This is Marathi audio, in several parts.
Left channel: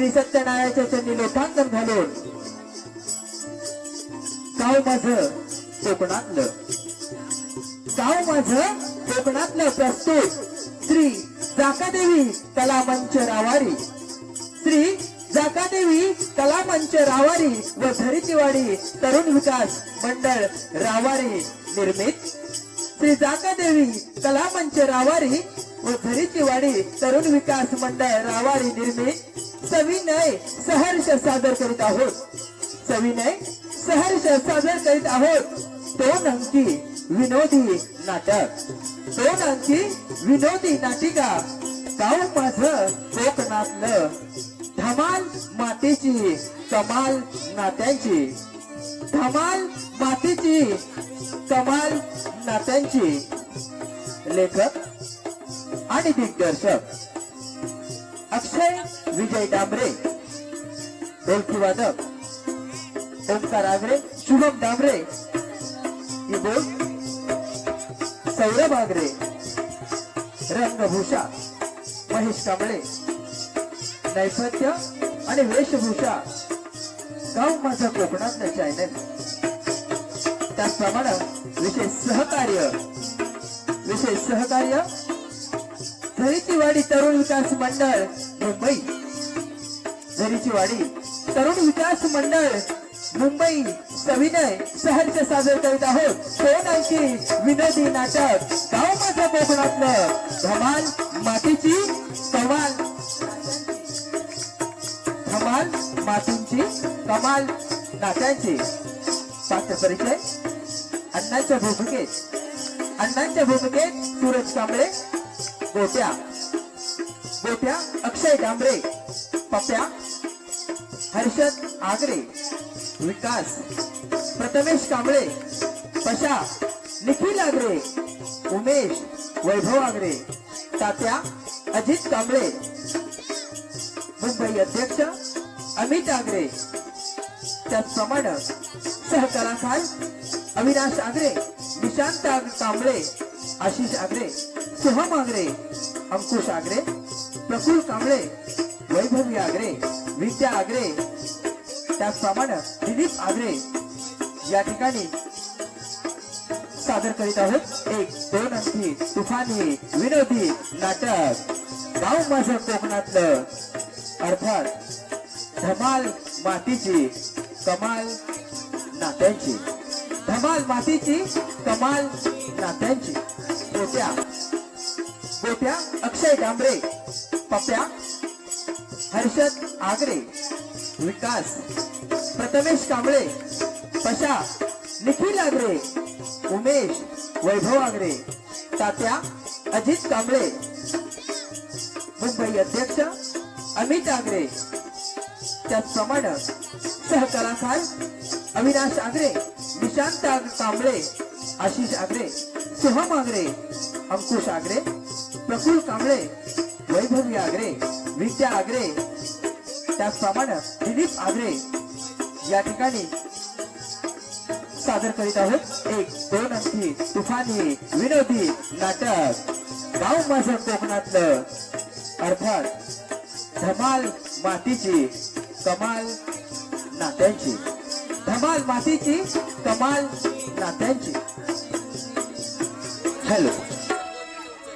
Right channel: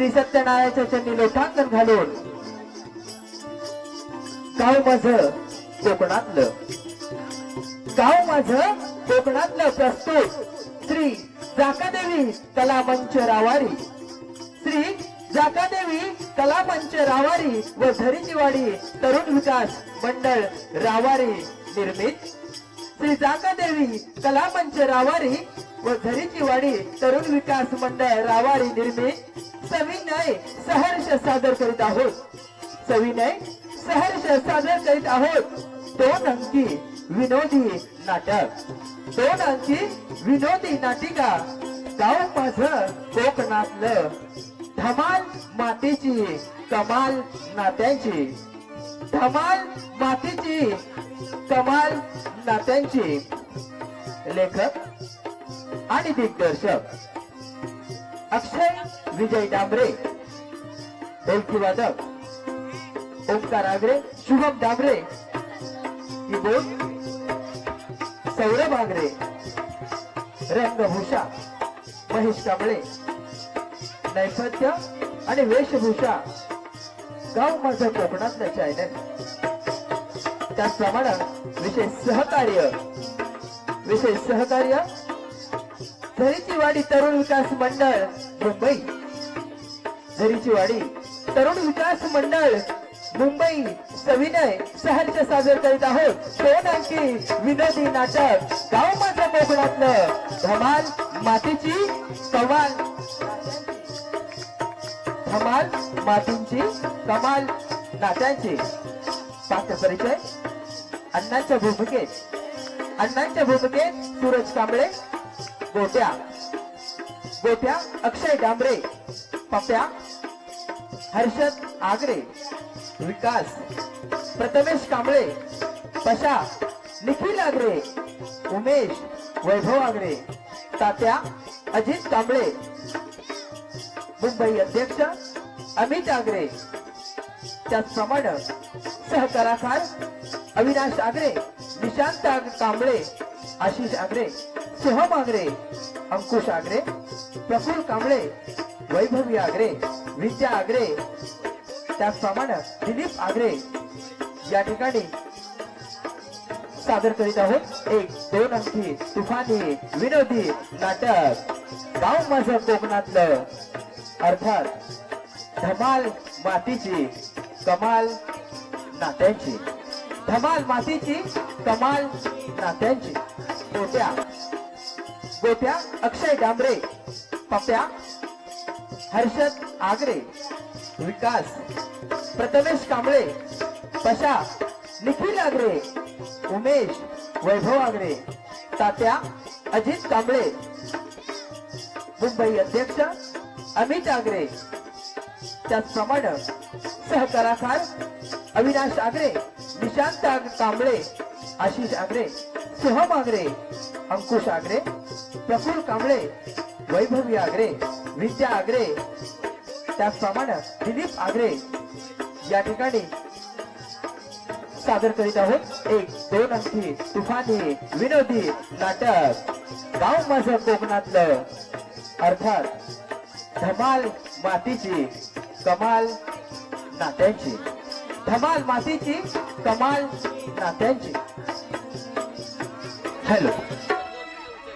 श्री सत्यनारायणाच्या चरणी लोटांगण घालून काय माझ कोकणातलं? काय माझ कोकणातलं प्रस्तुत? श्री जाकादेवी कलामंच रावारी. श्री जाकादेवी कलामंच रावारी व धरीचीवाडी तरुण विकास मंडळ रावारी निर्मित. श्री जाकादेवी कलामंच रावारी व धरीचीवाडी तरुण विकास मंडळ रावारी निर्मित सविनय सहर्ष सादर करीत आहोत. सविनय सहर्ष सादर करीत आहोत. दोन अंकी विनोदी नाटक. दोन अंकी विनोदी नाटिका. गाव माझं कोकणातलं धमाल मातेची कमाल नात्यांची. धमाल मातेची कमाल नात्यांची. लेखक आणि दिग्दर्शक अक्षय विजय डांबरे ढोलकी वादक ओंकार आगरे शुभम डांबरे कीबोर्ड सौरभ आगरे रंगभूषा महेश कांबळे नैपथ्य आणि वेशभूषा गाव माझं कोकणातलं चॅनल त्याचप्रमाणे विशेष सहकार्य विशेष सहकार्य झरीची वाडी तरुण विकास मंडळ मुंबई. झरीची वाडी तरुण विकास मंडळ मुंबई. सविनय सहर्ष सादर करीत आहोत. दोन अंकी विनोदी नाटक. गाव माझ्या कोकणातलं धमाल मातीची कमाल. धमाल मातींची कमाल नात्यांची पात्र परिचय. अण्णांच्या भूमिकेत. अण्णांच्या भूमिकेत सूरज कांबळे. गोट्या गोट्या अक्षय डांबरे. पप्या हर्षद आगरे. विकास प्रथमेश कांबळे. पशा निखिल आगरे. उमेश वैभव आगरे. तात्या अजित कांबळे. मुंबई अध्यक्ष अमित आगरे. त्याचप्रमाणे सहकलाकार अविनाश आगरे निशांत कांबळे आशिष आगरे. सोहम आगरे अंकुश आगरे प्रफुल कांबळे वैभवी आगरे विद्या आगरे त्याचप्रमाणे दिलीप आगरे या ठिकाणी सादर करीत आहोत. एक दोन अंकी तुफानी विनोदी नाटक. गाव माझं कोकणातलं. अर्थात धमाल मातीची कमाल नात्यांची. धमाल मातीची कमाल नात्यांची. होत्या गोप्या अक्षय डांबरे पप्या हर्षद आगरे विकास प्रथमेश कांबळे पशा निखिल आगरे उमेश वैभव आगरे तात्या अजित कांबळे मुंबई अध्यक्ष अमित आगरे त्याचप्रमाणे सहकलाकार अविनाश आगरे निशांत कांबळे आशिष आगरे सोहम आगरे अंकुश आगरे प्रफुल कांबळे वैभवी आगरे विद्या आगरे त्याचप्रमाणे दिलीप आगरे या ठिकाणी सादर करीत आहोत. एक दोन अंकी तुफानी विनोदी नाटक. गाव माझं कोकणातलं. अर्थात धमाल मातीची कमाल नात्यांची. धमाल मातीची कमाल नात्यांची. हॅलो.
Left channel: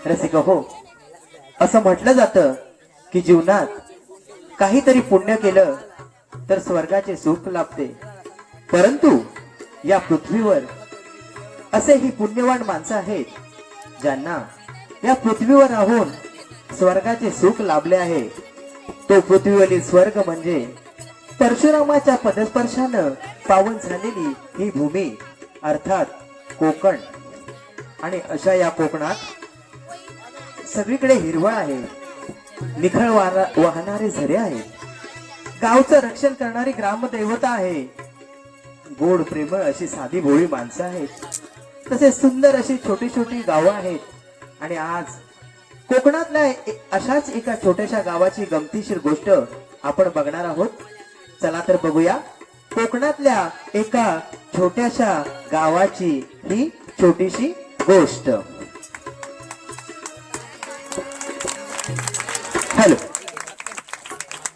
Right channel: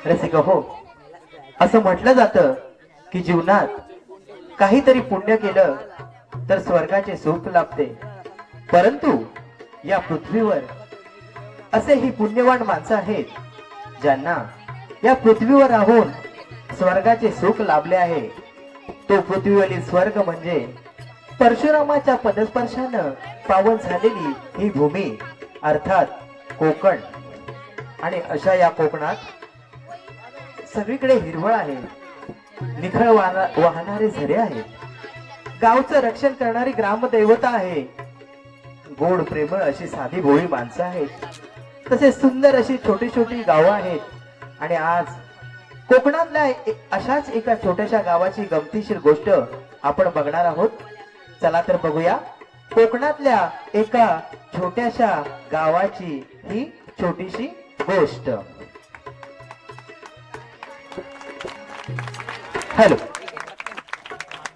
रसिक हो. असं म्हटलं जातं की जीवनात काहीतरी पुण्य केलं तर स्वर्गाचे सुख लाभते. परंतु या पृथ्वीवर असे ही पुण्यवान माणसं आहेत ज्यांना या पृथ्वीवर राहून स्वर्गाचे सुख लाभले आहे. तो पृथ्वीवरील स्वर्ग म्हणजे परशुरामाच्या पदस्पर्शानं पावन झालेली ही भूमी अर्थात कोकण. आणि अशा या कोकणात सगळीकडे हिरवळ आहे. निखळ वाहणारे झरे आहेत. गावचं रक्षण करणारी ग्रामदैवता आहे. गोड प्रेमळ अशी साधी भोळी माणसं आहेत. तसेच सुंदर अशी छोटी छोटी गावं आहेत. आणि आज कोकणातल्या अशाच एका छोट्याशा गावाची गमतीशीर गोष्ट आपण बघणार आहोत. चला तर बघूया. कोकणातल्या एका छोट्याशा गावाची ही छोटीशी गोष्ट. हॅलो.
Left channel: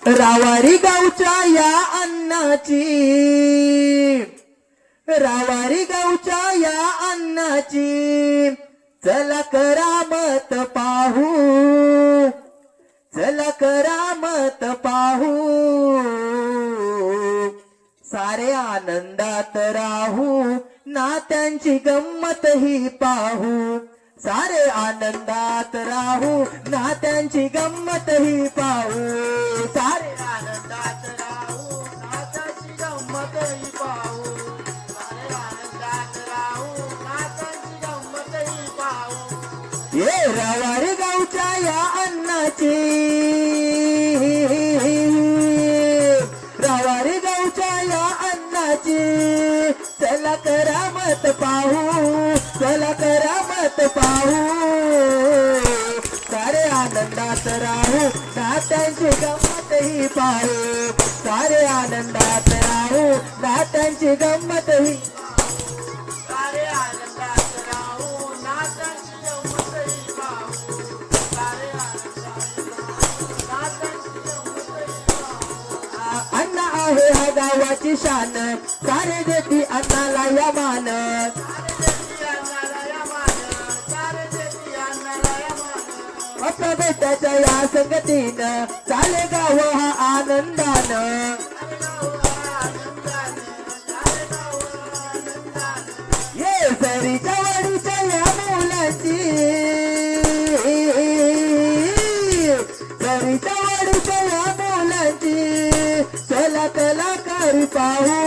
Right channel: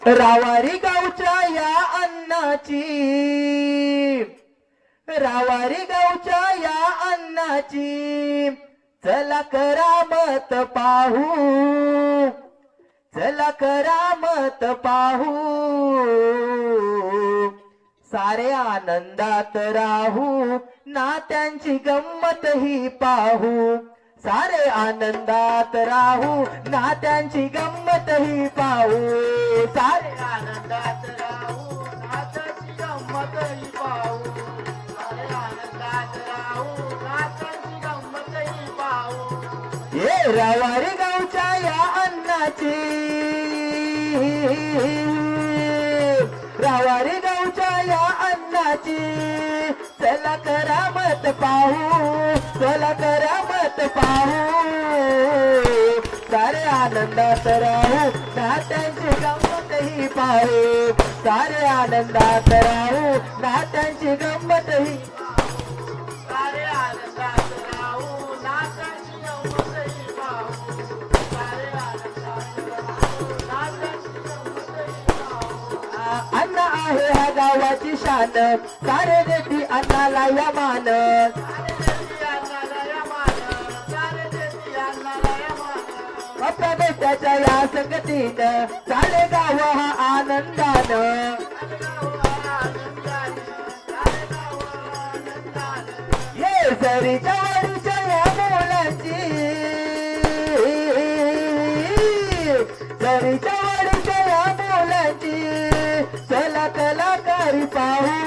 रावारी गावच्या या अन्नाची. रावारी गावच्या या अन्नाची. चला करामत पाहू. चला करामत पाहू. सारे आनंदात राहू. नात्यांची गंमत ही पाहू. सारे आनंदात राहू नात्यांची गंमत ही पाहू. सारे आनंदात राहू नात्यांची गंमत ही पाहू. सारे आनंदात राहू नात्यांची गंमत ही पाहू. ये रवारी गावच्या या अन्नाची. रवारी गावच्या या अन्नाची. चला करामत पाहू. चला करामत पाहू. सारे आनंदात राहू. पाहू. सारे आनंदात राहू. नात्यांची गंमतही पाहू. सारे आनंदात राहू. नात्यांची गंमत अन्न आहे हा गावाची शान. सारे देती अन्नाला या मान. आपल्या या संगतीनं चाले गाव हा आनंदानं. ये सरीच्या वाडीच्या या मुलाची सरीच्या वाडीच्या या मुलाची चला कलाकारी पाहू.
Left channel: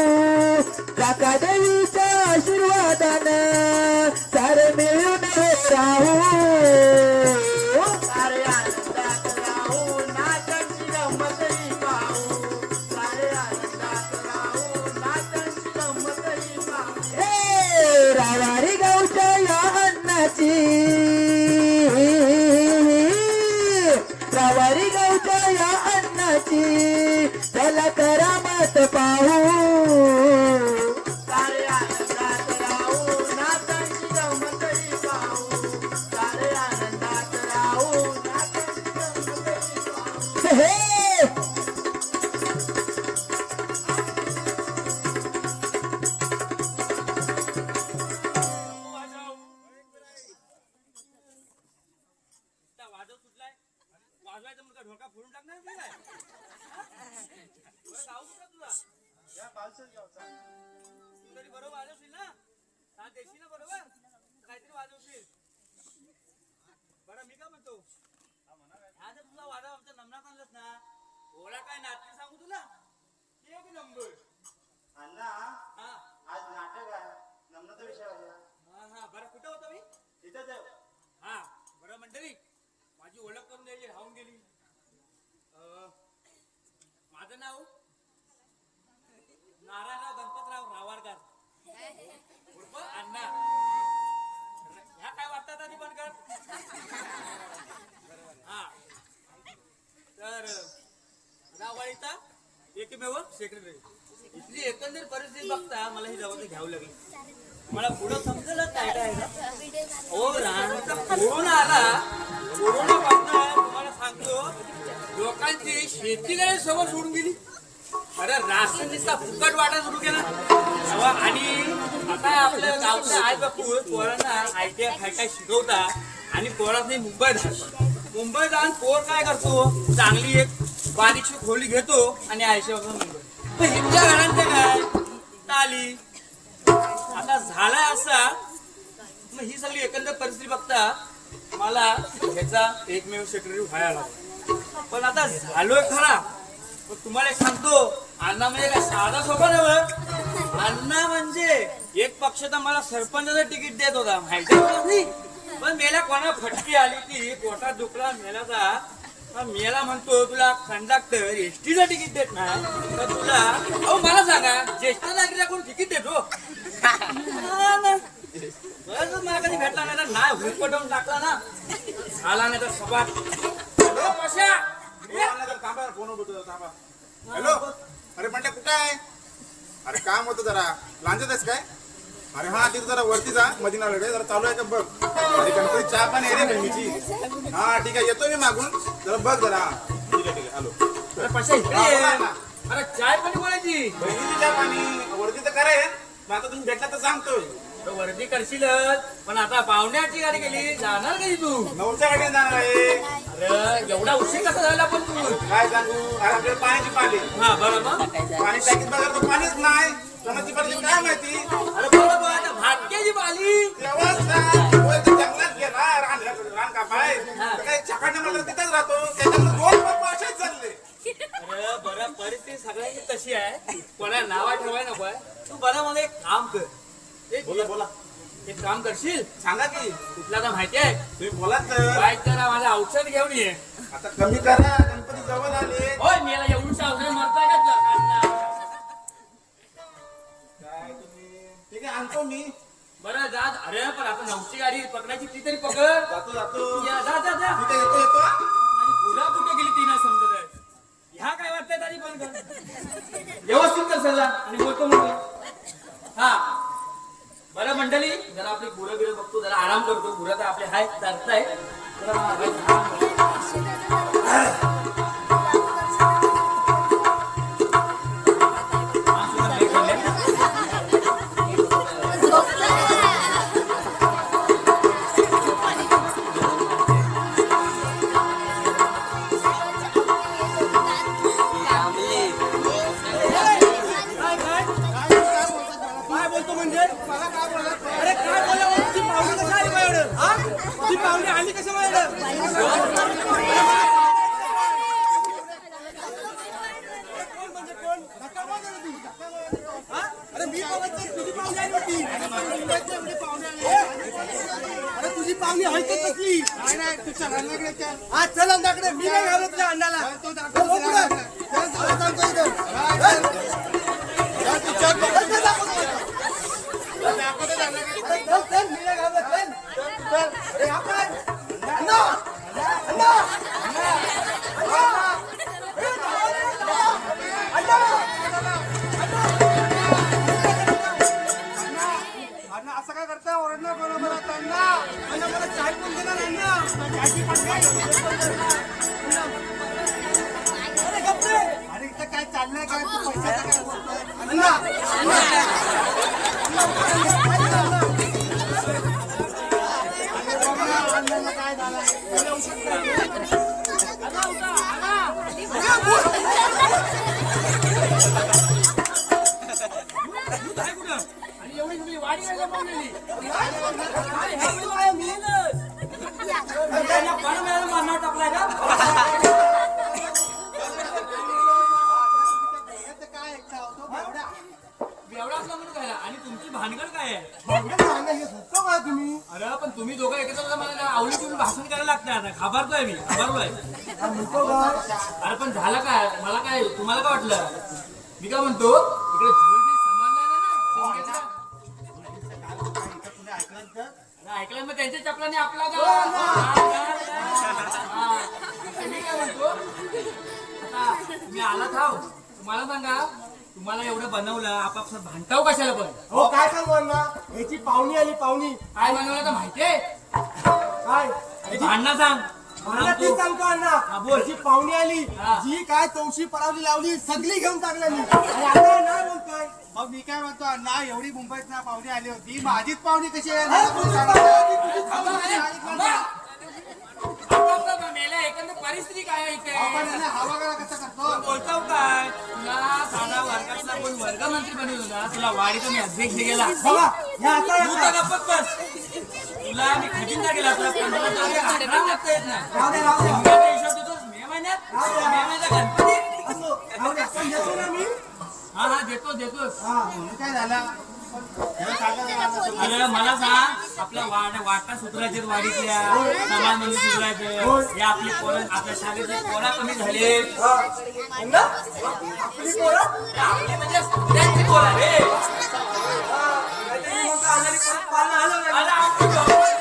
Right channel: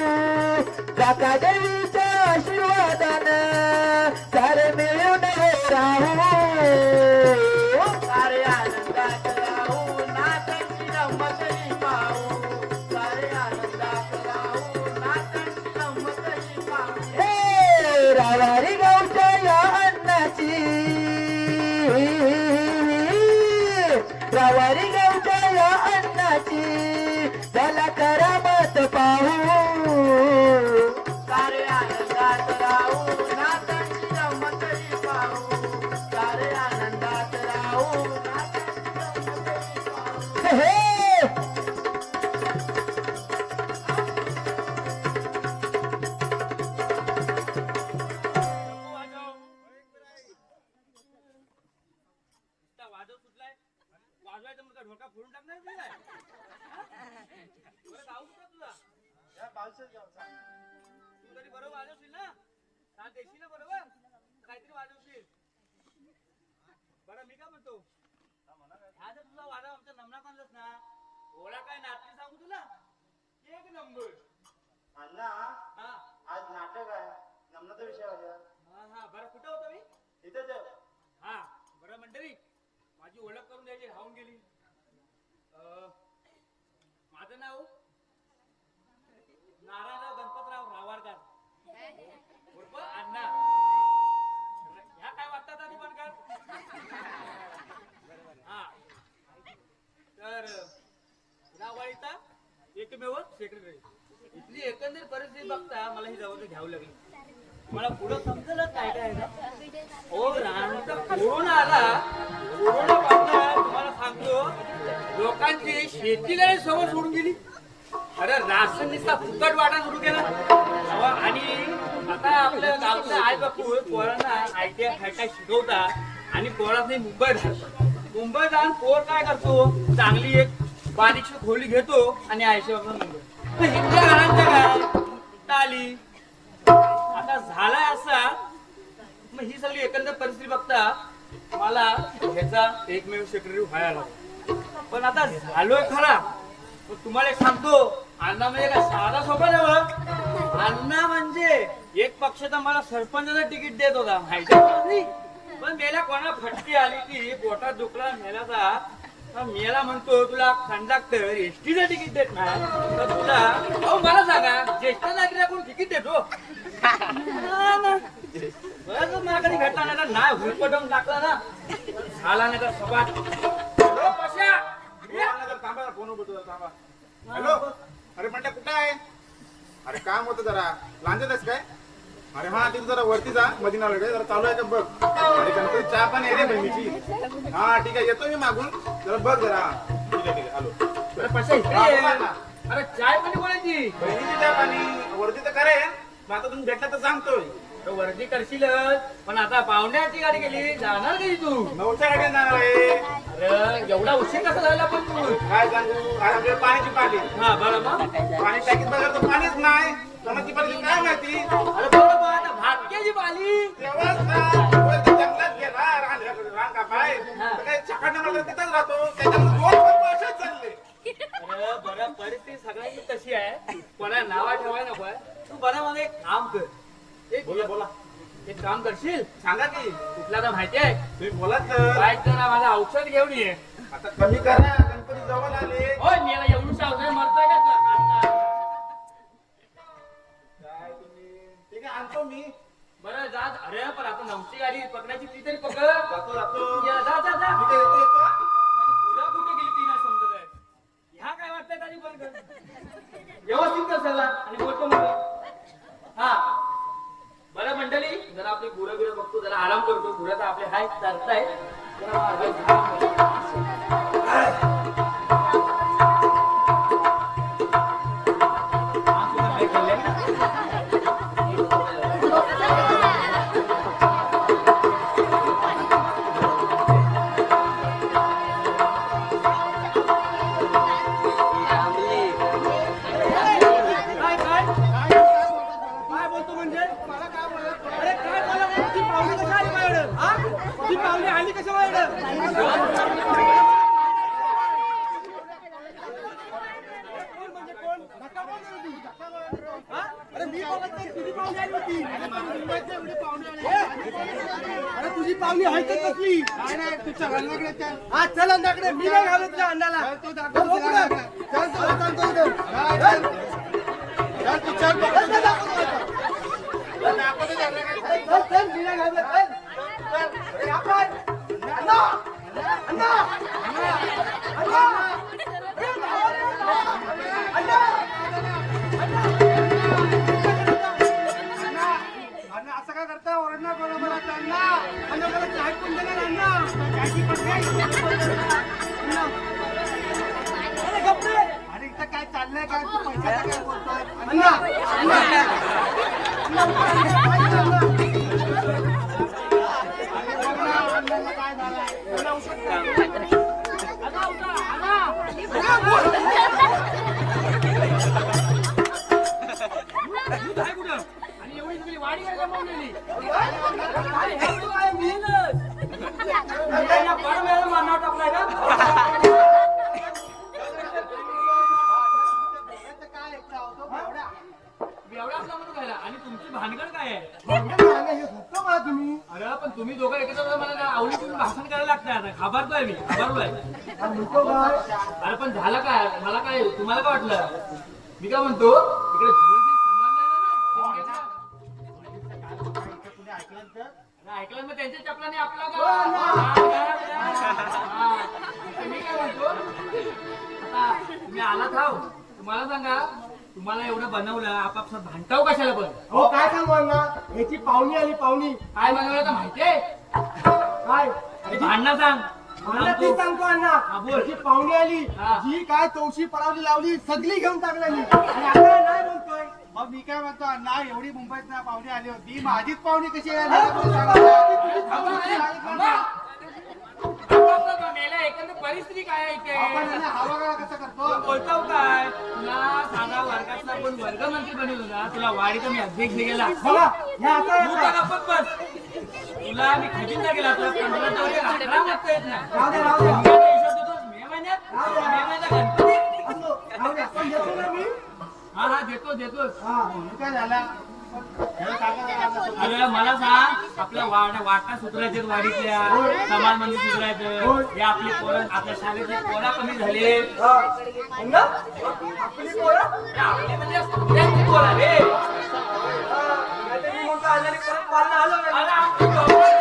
त्याला करमत पाहू ओळख करून द्यायची राहून गेली. माझं नाव नारायणराव गणपतराव रावारकर उर्फ अण्णा. ह्या काय वाटतात आधी पण कर हा. तर रावाळीचा एकमेव सेक्रेटरी इथली एकंदर परिस्थिती बघता मला ही जबाबदारी घ्यावी लागली. मला पुढं समजलं काय काय हो रानचा कोरोना आला. कोरोना पासून तुम्हाला सांगतो लोकांची शेतीला सवय सोडून गेली. अरे राशन दिसता फुकट वाटा सुरू केला. आणि आता आपल्या गावचा आई बापू पोरांना आय टी आय काय काय शिकवता आणि पोरांनी मुंबईत जातो. मुंबईत जाऊन पोर काय करतो? चांगली एक बारीकशी खोली घेतो आणि आयशी बाबा मुंबई. मग घरांचं काय? ताली आता झाला असा. मग ही सगळी एकंदर परिस्थिती बघता मला ह्याचा एकमेव सेक्रेटरी व्हायला लागला. पण आता झालोय खरा. पण तुम्हाला एक सांगतो अण्णा म्हणजे काय साधा सोपा नव्ह अण्णा म्हणजे एक पक्ष तर मला सरपंचाचं तिकीट देत होता माहिती पण मेल्या कोणा फटकी आली की पोटात दुखला मेल्याचा हा मेला म्हणतो तुला कंडक्टर एसटीचं तिकीट देत नाही. तर तुला अहो मला सांगा ज्येष्ठ नागरिकाकडून तिकीट देतो हा? ना. बरं मला कधी भेटला नाही तर नाही हुरपटवून टाकला ना. झाला नाही तर सभा. पश्या. ये. थांबा फोन बोलतो थांबा. हॅलो. अरे म्हटलं कुठं आहे? अरे काम होतं जरा. लांजत आहेस काय? अरे हा तिथे जरा वरती जा मदिना लढे जरा चालू आहे का बघ. गणपती चहा पण रे नेहमीची हा ठीक आहे. येतो मी मागून. जरा बघ जरा. ठीक आहे ठीक आहे. आलो अरे पशा इकडे ये. अरे चाय पण कोणाची? बहिणीची चहा पाणी. वरती तर करेन मग आता तुम्ही भेटला तर सांगतोय. तो वर्दी करशीलच. पण आता पाहुण्याची गाडी गेली. जाणार कधी तू? नऊच्या गाडीने जाणार आहे. अरे एवढा उशीर कसा झाला पण तू? काय सांगू? आज आपल्याला पाण्याची पाली. हा बरं मग. पाणी टाकीत बघा तर पाणीच नाही. कोणाची पाहिजे काय माहिती? अरे बरोबर आता भाग्याची पाली तेव्हाच ना, वर ते जंगलात गेला रान रान कापाय. तर काही छकाने मला तिथंच राहतो. त्याच्यामुळे दोन पप्पा असेच चालले. अरे बरं परिस्थिती सगळ्यांची तशी आहे. कोणा नावा ठेवाय नको तू बरं मला एक काम कर. एक बोला बोला. एक काम करशील? सांगा की कुठला तर माहिती आहे? तुम्ही बोला तर. बाईक जरा माझं औषध घेऊन ये. आता कमी करा. गणपती जवळ आले. होय मी आणतो मी बरं जा. अरे पण आता नऊची गाडी पकडायची ती तरी पकड. जातो जातो. या, जा जा जा. येतो येतो पुरा कुठे गेली ती नाही समजत आहे. ह्या काय वाटतंय तरी पण कर. व्यवस्थित कर सगळं. आणि बोलतो मग. हा. बरं मंडळी जरा आपली गुरं बिरं बघतो जरा आराम करतो. गुरं तर आपले हाय चालताय जरा तुझी पाहुणी. अरे तुझी पाहुणी तर कसली नाही तू चल अण्णाकडे हा चल अण्णाकडे मी नाही घालत त्या तो दाखव इथं ऐकलं मग त्यांच्या चपलाने आपला मी काय म्हणतो? आता तुम्ही आला थाव तुम्हाला सांगा तुम्हाला एवढं बनवलं आपापसात भांडताव कशाला पण? हो काय सांगू अण्णा? याची पाहुणी आली पाहुणी. काय बनवलं तर माहितीये काय? भांडणं सांग. मला ती सांगतो. अण्णा. बोल. याची पाहुणी आली. जी काय तवशी परावली लावली सगळी घेऊन टाकली आणि आता नाही बोलतोय. मग मी काय म्हणतो अण्णा एवढी मुंबईत ना पाहुणी आली होती. माझीच पाहुणी कशी आहे? मला कोण सांगणार? एकंदर परिस्थिती काय आहे आपण इथे? करा कसं करतो? बोलताव काय? तुला साधा वर्गातला कोण वर्गमंत्री बनवलं होता? तुला वाडीचा मी अध्यक्ष केला बघा या आता तू येता. तर गप्पच बस. तुला मी खजिनदा केला तुला पंधरा वर अकरा मागता येत नाही राहू दे, राहू दे. शिमग्याचा हिशोब देतोस मे महिन्यात? मे महिन्याचा गणपती? असो, राहू दे, पण देतो ना मी. हा हा देतोस देतोस. काय झाला? सांगा जरा. अरे मला सांग आपल्या वाट वाटा सुधारायचे वाडीतल्या समाज मंदिर सुधारायचं हे आपली पोरं आपल्या शाळेतली पोरा कमी झाले. हा. अण्णा आपली पोरं? आपली म्हणजे त्यांची पोरं रे म्हणतो अण्णाने परत पाळणं आलं नाही.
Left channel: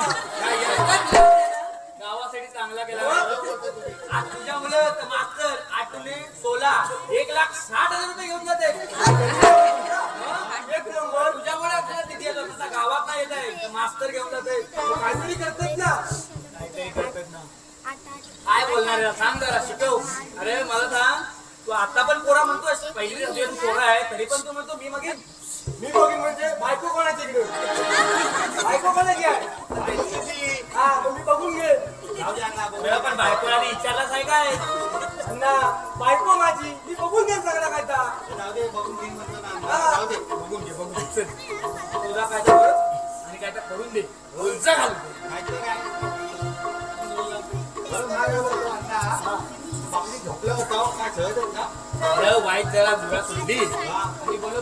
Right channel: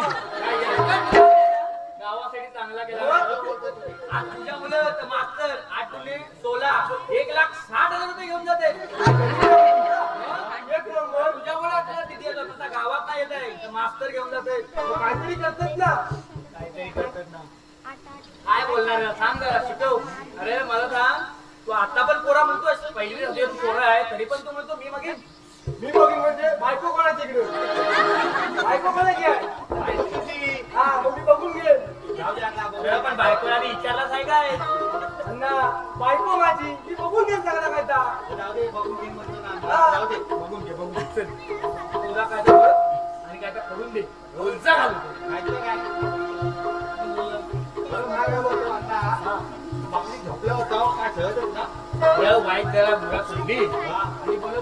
जरा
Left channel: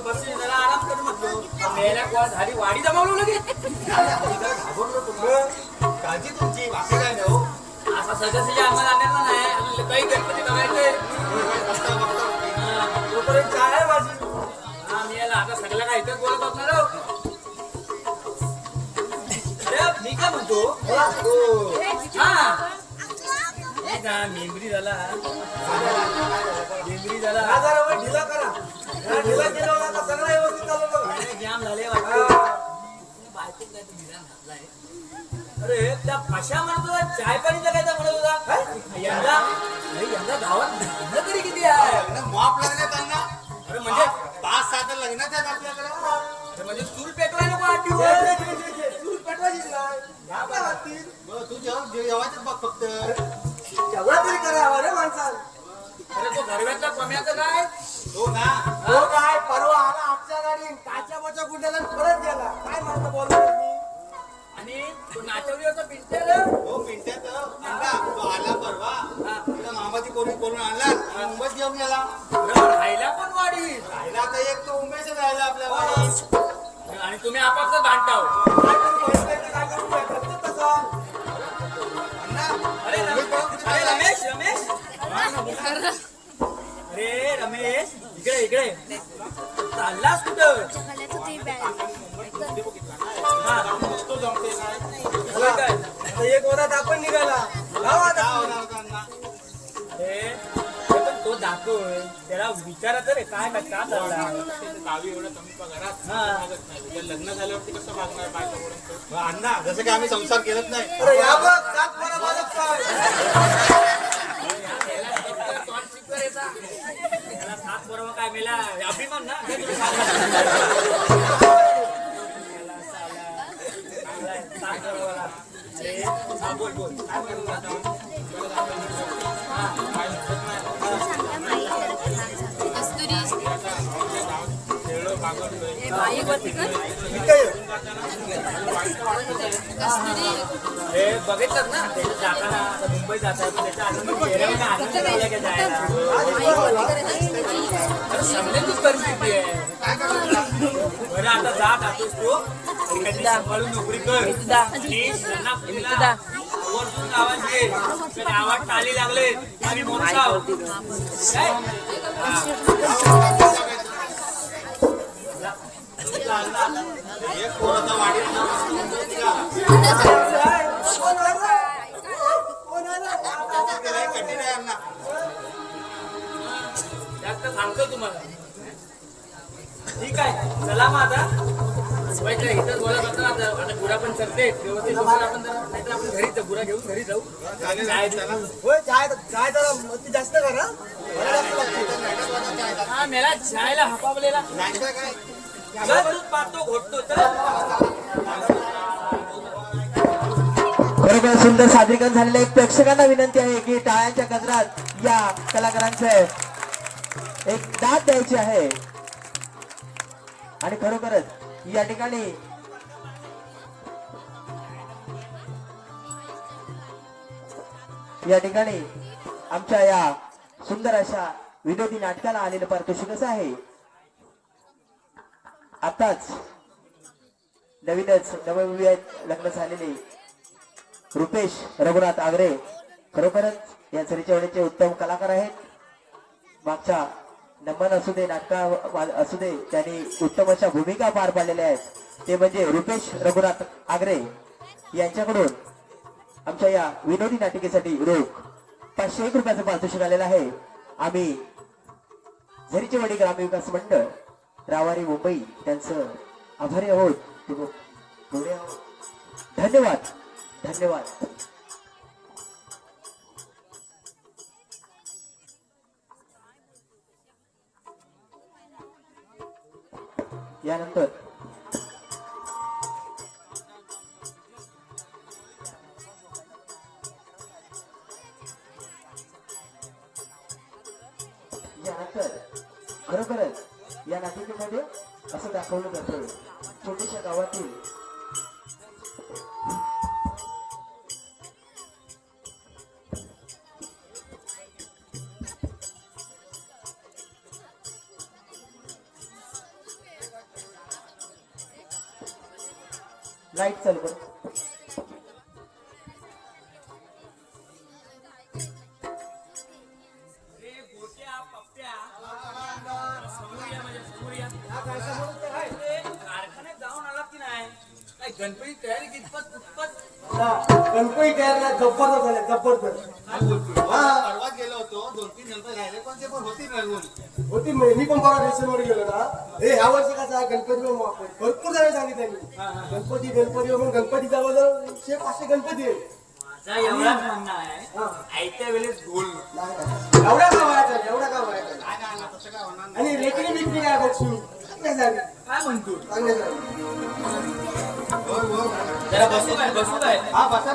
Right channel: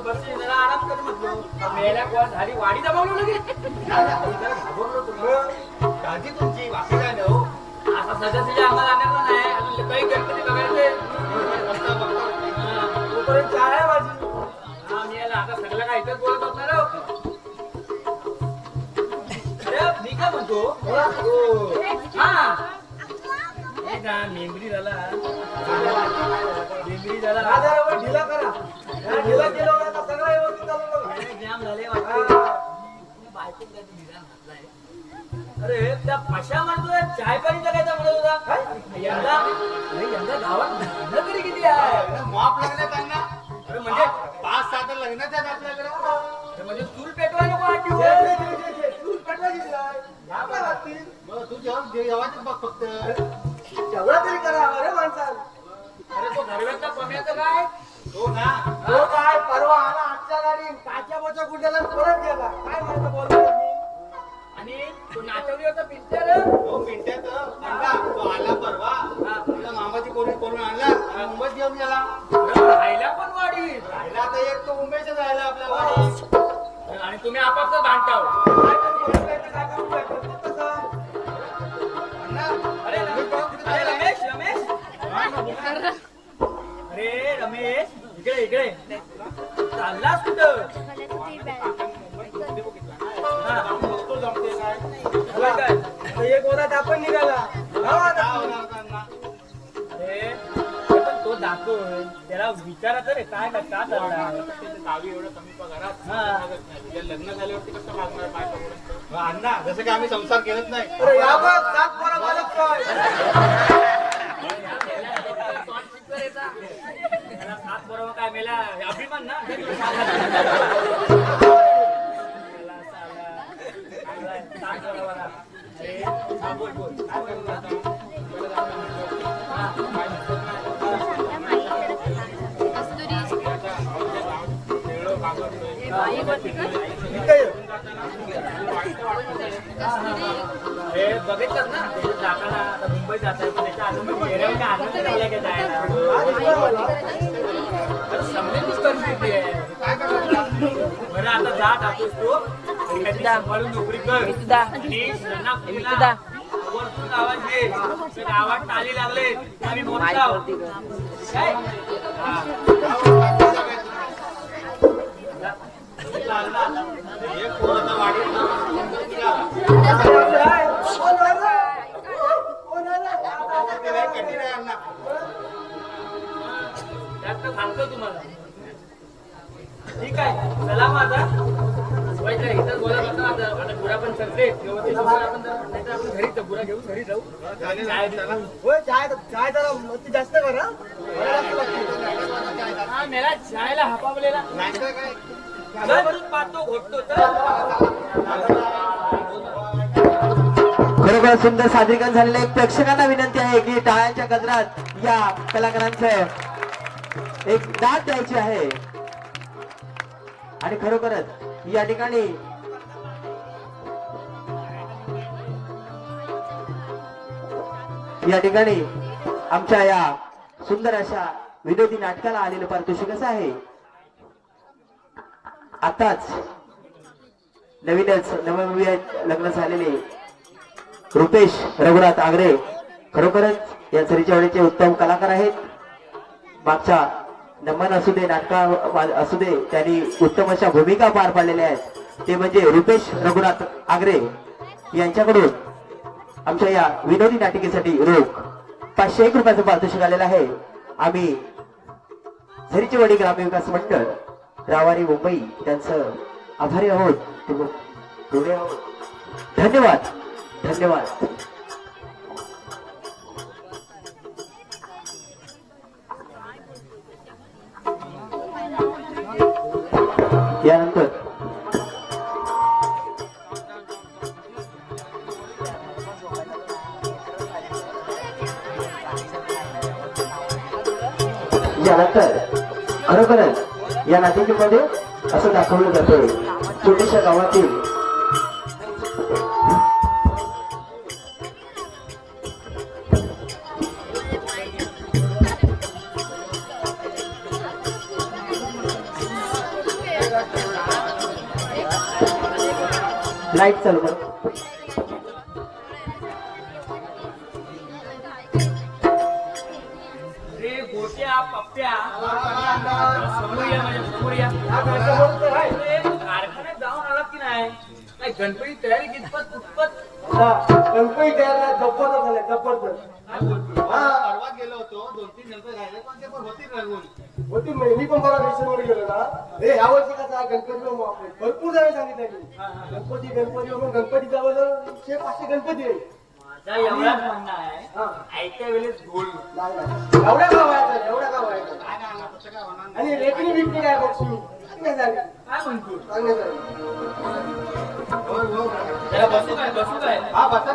बसली जरा आराम कर म्हटलो. कोण झाली वाडी जमावलो लगेच. काळजी तुमची बाकी काय नाही हो. असा आम्हाला नाही. काही गणपती बघायचे. हा. तोपर्यंत चहा आहे माझी? हा, मी याला आता सगळं काय इथंच बोलत असणार आहो. अरे मी काय म्हणतो? हा. का? मेमरी झाला. मेमरी झाला. हा जरा वर ढिला करा. हा, ढिला केला होता का सगळं व्यवस्थित चालू बघा नाही, जाम झाले बायकोत काय तो निदान घातलाय. अरे त्या पशा म्हणतो चाय पाणी जगायचा म्हणत होता? यंदा? अरे यंदा गावात भांडणं तरी किती आहे? माप लागले त्यांना. अरे म्हणजे? पाच सात लग्नाचे आहेत आपल्याकडे. अरे म्हणजे चूल पेटवायला नको आठ दिवस. तू नाही. ह्या काय? लागतील? बरं, तू जेव्हा जेवायचं बघ फक्त. तेवढं तरी करावं रे माणसाला. अरे तो काय? हो ना. तो काय परवा आला आजच्या गाडी. काच्या बच्या गुंड्याला परत गेला. काय म्हणतो बोलणार मी. आणि तो नाचवली होता पिंटर तो पिंट्यात आणला. तो आला परवा. आपल्या मामाची पोलीस बोलून आणला. आणि मुंबईत घेऊन गेला. राहिला पण वाढी राहिला तर एक तो उमेशच राहिला आपल्या वाडीत. आणि तुम्ही आपापसात भांडताव काय करू? बहीण बहिणी काय करू? काय करतात अरे रमेश इकडे इकडे. चाललास कुठं? हा. तो जमते काय आता एक वरात आपण निघाला. आता? अरे, ते पण तो दाखवय त्याला विचारायचं रे काय का का चालला. त्याचं गावी एवढं कमी पगारात हा. नाही. तुझ्या लग्न झाल्यावरती कसं मागणार बायकापर्यंत अण्णा जसं की आम्ही संसार केलत नाही. अरे या बघ सात पोरा मालक काय त्याला सात बरोबर काय मेला अभिमान ना सात बरोबर अरे हा, बोल बोल काय म्हणत हे बघितलं ना त्याच्यात जाताना आता मुंबई जाताना पण त्याच्या आनंद चेहऱ्यावर काय आनंद झाला का जायला समजेलच परिस्थिती आहे बरं आता जा जातोस तू आणि कधी सांभाळून नोकरी कर आणि त्यांना मुलीला आवाज दे गावात टाली लागले की आम्ही मोठाव काय सांगतो तुम्हाला ठीक आहे चला माझा इतर बोला काय आता गुरा पण चलते आपण नाहीतर आपण घरी जाऊ गुरा घेऊन घरी जाऊ होय चाय चाय जरा मस्ती जास्त करा हा. मेला चायला हपावलेला काय पाहतो घोटतो तर? सुंदर सादरीकरण झालेलं आहे. प्रेक्षकांना विनंती आहे की टाळ्यांच्या गजरात या कलाकारांचं एक दाद द्यायची आहे. आणि खरोखरच या ठिकाणी या ठिकाणी आमच्या या सुंदर अशा विनोदी नाटकाला आलेलं पारितोषिक कसं आहे. आताच नवीनच नवविवाहित लग्न झालेले रुपेश रघुनाथ आगरे खरोखरच या सरीच्या उत्तम कलाकार आहेत. मागच्या नमन असू दे नाटका असू दे त्यांनी उत्तम अशा भूमिका पार पाडलेल्या आहेत. ते म्हणजे रुपेश रघुनाथ आगरे यांच्याकडून आमच्या या विनोदी नाटिकेसाठी रोख पाचशे एक रुपयाचं पारितोषिक आलेलं आहे. आम्ही झरीचेवाडी ग्रामविकास मंडळ रावारी मुंबई त्यांचं आभारी आहोत. आहोत. धन्यवाद. धन्यवाद. यानंतर या नाटिकेमध्ये असं दाखवलं जातं छोट्याशा गावातील लाइट चालू कर. रे गोट्या पप्प्या. गणपती तयारी कितपत कुठपत? गणपती तयार जबरदस्त झाले जबरदस्त परवा गेलो होतो दोन तीन गणपती राहिले पण ते पण होती रंगवली होती मी पण बघा रेशनमध्ये गेलो ना. हे ह्या वर्षी कसा आहे, गणपती. भरपूर जण सांगितलं मी. गणपती गणपती म्हणून गणपती जवळजवळ शे पाचशे गणपती आहे. एवढाच म्हणणं आहे. हा. आयत्या वेळेस ढोल नाही, नाही. एवढा का व्हायचा एवढा का व्हायचा आणि रेकडी बिकडी काय बघू म्हणतो? जरा बसू काय बसू काय? हा बसा.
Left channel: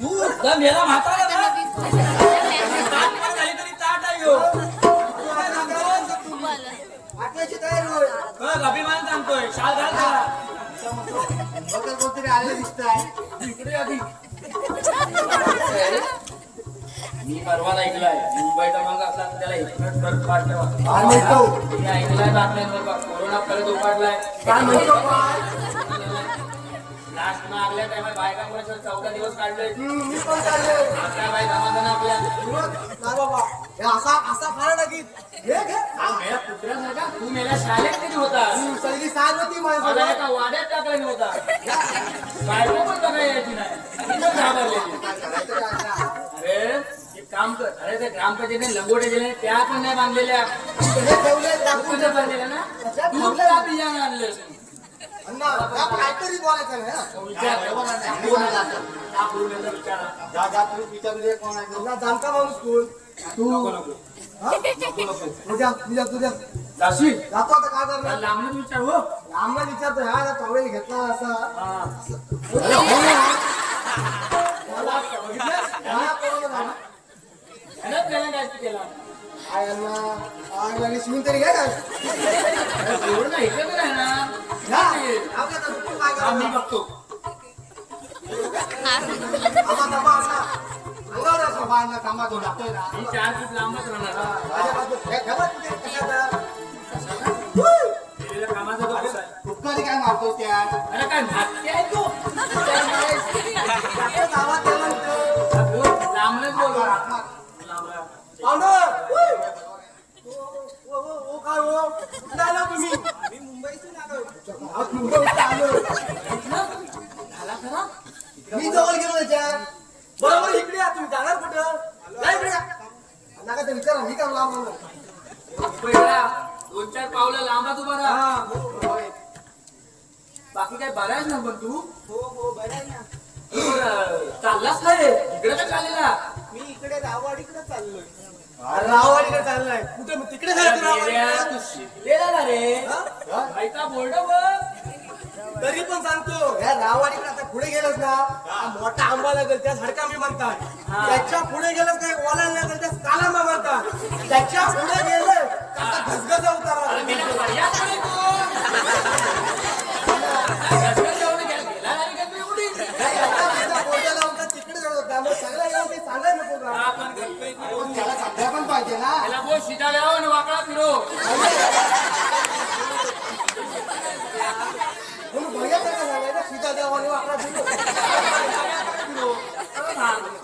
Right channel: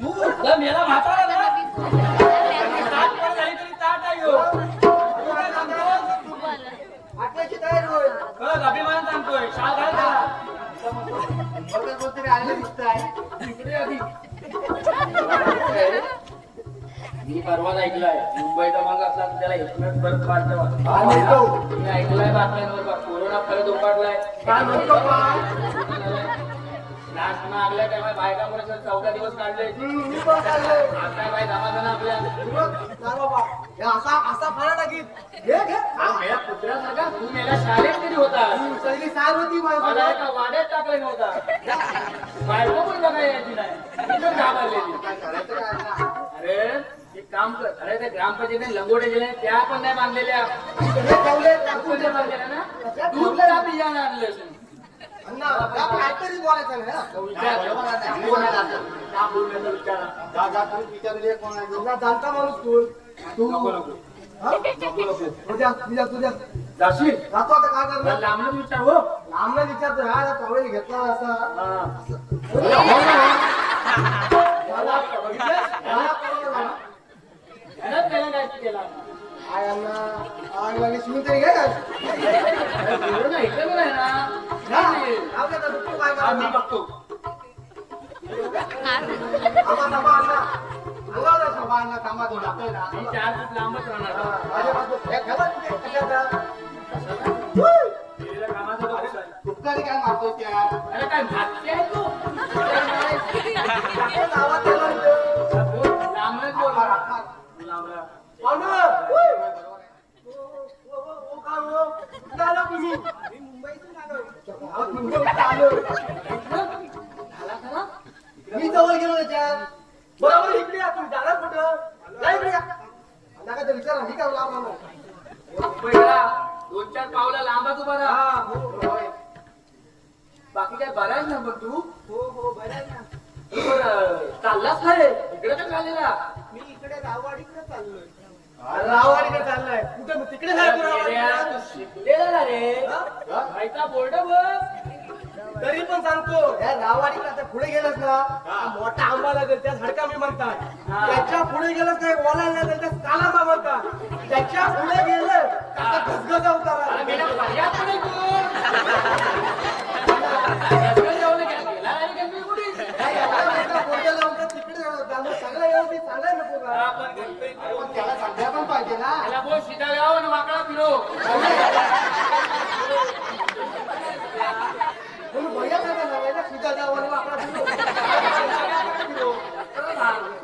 तू याला म्हातारा ना. ताट पण झाली तरी ताट आहे अभिमान सांगतोय. शाल घाल मी परवाच ऐकलाय. मुंबई क्रमांक असला तर त्याला एकच बर्फ पाडलं काय म्हणतो? मी ऐकलाय बातम्यांवर बा, कोरोना परत उपाडलाय काय काय लास्ट मागल्या तेव्हा बायका परत चौदा दिवस काढले. काय बाई समाधान आपल्या हे असा असा फारा टाकीत हे घे. हा मेला कुत्र्यासारखा तू मेला शाळेत कधी होता? सगळी सार होती मला माझ्या एका वाड्यात टाकला नव्हता. बायको पण बघा यायची नाही. ती पण घाबरलेली. अरे एक काम कर. अरे ते ग्रामपंचायतीने लंगोटे दिले त्या पण नाही बांधलेल्या. हे ठेवले दाखवून ते बांधलेल्या ना? दूध का बियाणं आणले अण्णा काहीतरी बोलायचं नाही हा. विचार कोण दादा? का बोलण्याचा विचार? जा जा तुम्ही विचारू दे कोण आहे तो. अण्णा जाणता माणूस तू तू हा? तू जा, जा, तू जा. जाशील जातो आता काय करणार विचार हो विचारतो घेतला असा हा. मला मला कोरोना झाला. ह्यानंच त्याने काय केला काय शिवून तरी एवढं काय ऐकलं ना जा. जाऊ दे आता, काय हा, मी करणार? बघतो थांबा, बोला तो ना. चार फूट लांबच राहणार हा. माझ्या कामाचा तो आहे? काय त्या अरे काय आहे तू बोल, तुम्ही? मुंबईतून आलो. बाकी काय बरं आहेस ना पण तू हो, हो, बरं ना. चाललास काय इकडे तर चाललेला मी इकडे गाववाडीकडे चाललोय राववाडीकडे चाललाय कुठे मग तिकडे राववाडीकडे? तू शिकलेला ना रे हा? माहिता बोर्ड बघ तरी पण सांगतो ह्या राववाडीकडे आता पुढे गेलंस ना हा मोठा आंबा लागेल त्या झाडका मी म्हणतात हा. त्याच्या पुढे गेलंस काय ओला लागेल त्या कालांबा म्हणतात त्याच्या पुढे गेलं का घसघसा उतारा गेला पर्यात पडेल तू रस्त्यावर जेवण घ्या, गेला आणि गणपती उडील. काही आता माझा बोलता लावून तर तिकडे जाऊ. त्यामुळे सगळं येऊ ते सांगायला नको का? हा, पण गणपती पण त्याला सध्या पण पाहिजे ना त्याला बोल सीधा घ्यावा आणि वाकडा फिरो म्हणून भैया काय सांगायचं सीधा जाऊ आणि वाकडा फिरो. तू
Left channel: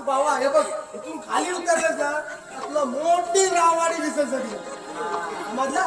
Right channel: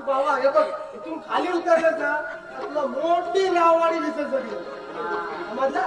बाबा हे. बघ इथून खाली उतरलेस ना आपलं मोठी राववाडी दिसत सगळी मधला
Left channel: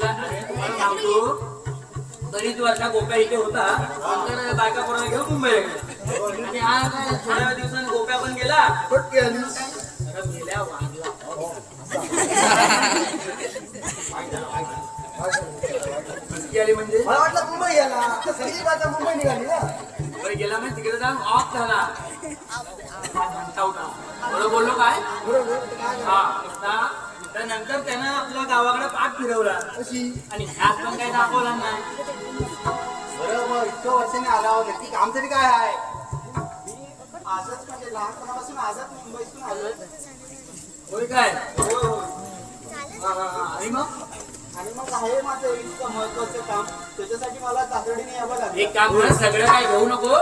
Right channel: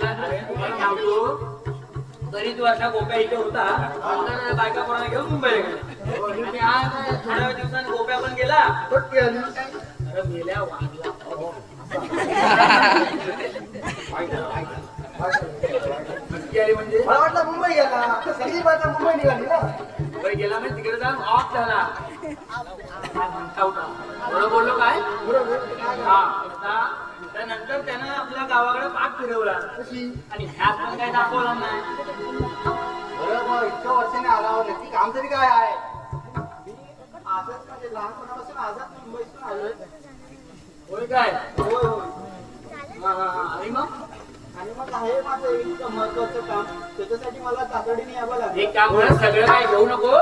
तुम्हाला सांगतो बरीच वर्षा गोप्या इथे होता. नंतर बायका कोणाला घेऊन मुंबईला गेला. आणि आज थोड्या दिवसांनी गोप्या पण गेला. गेल्या वागला. म्हणजे? मला वाटलं मुंबई गेला. सगळी बाजा मुंबई निघाली ना. मुंबई गेला म्हणजे तिकडे जाऊन ऑफ झाला. काय म्हणता होता बरोबर बोललो काय? हा आता त्यानंतर त्यानं गावाकडे पाठ फिरवला. आणि ह्यात पण काही दाखवला नाही. बरं मग इतकं वर्षाने आला हो नक्की काम तरी काय आहे? आजच म्हणजे लहानपणापासून आजच मुंबईतून आलोय. होय काय? हा, हा, हा. आणि मग? आणि मग आहे माझं इतकं महत्वाचं काम. त्याच्यासाठी मला तातडीने यावं लागेल. एक काम करा सगळं काय घेऊ नको.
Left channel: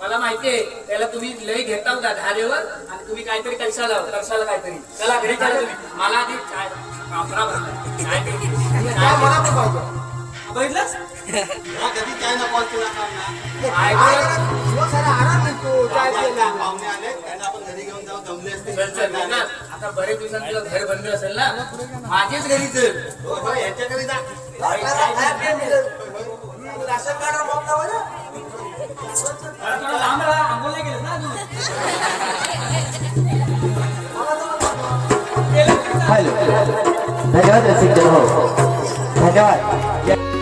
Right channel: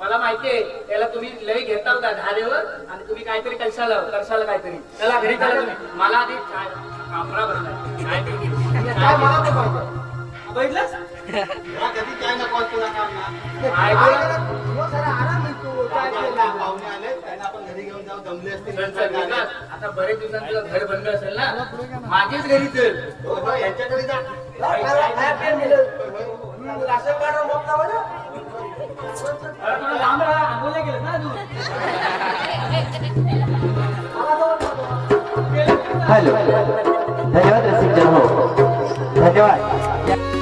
मला माहितीये त्याला तुम्ही लय घेता होता धारेवर आणि तुम्ही काहीतरी कशाला कशाला काहीतरी. त्याला घरी चाला तुम्ही. मला आधी कापरा घरी घेऊन जाऊ असते आता बरेच दिवसांनी तुला घर बंद असेल ना? माझेच घरी यांच्याकडे थोडं लांब राहा धन्यवाद हो. धन्यवाद.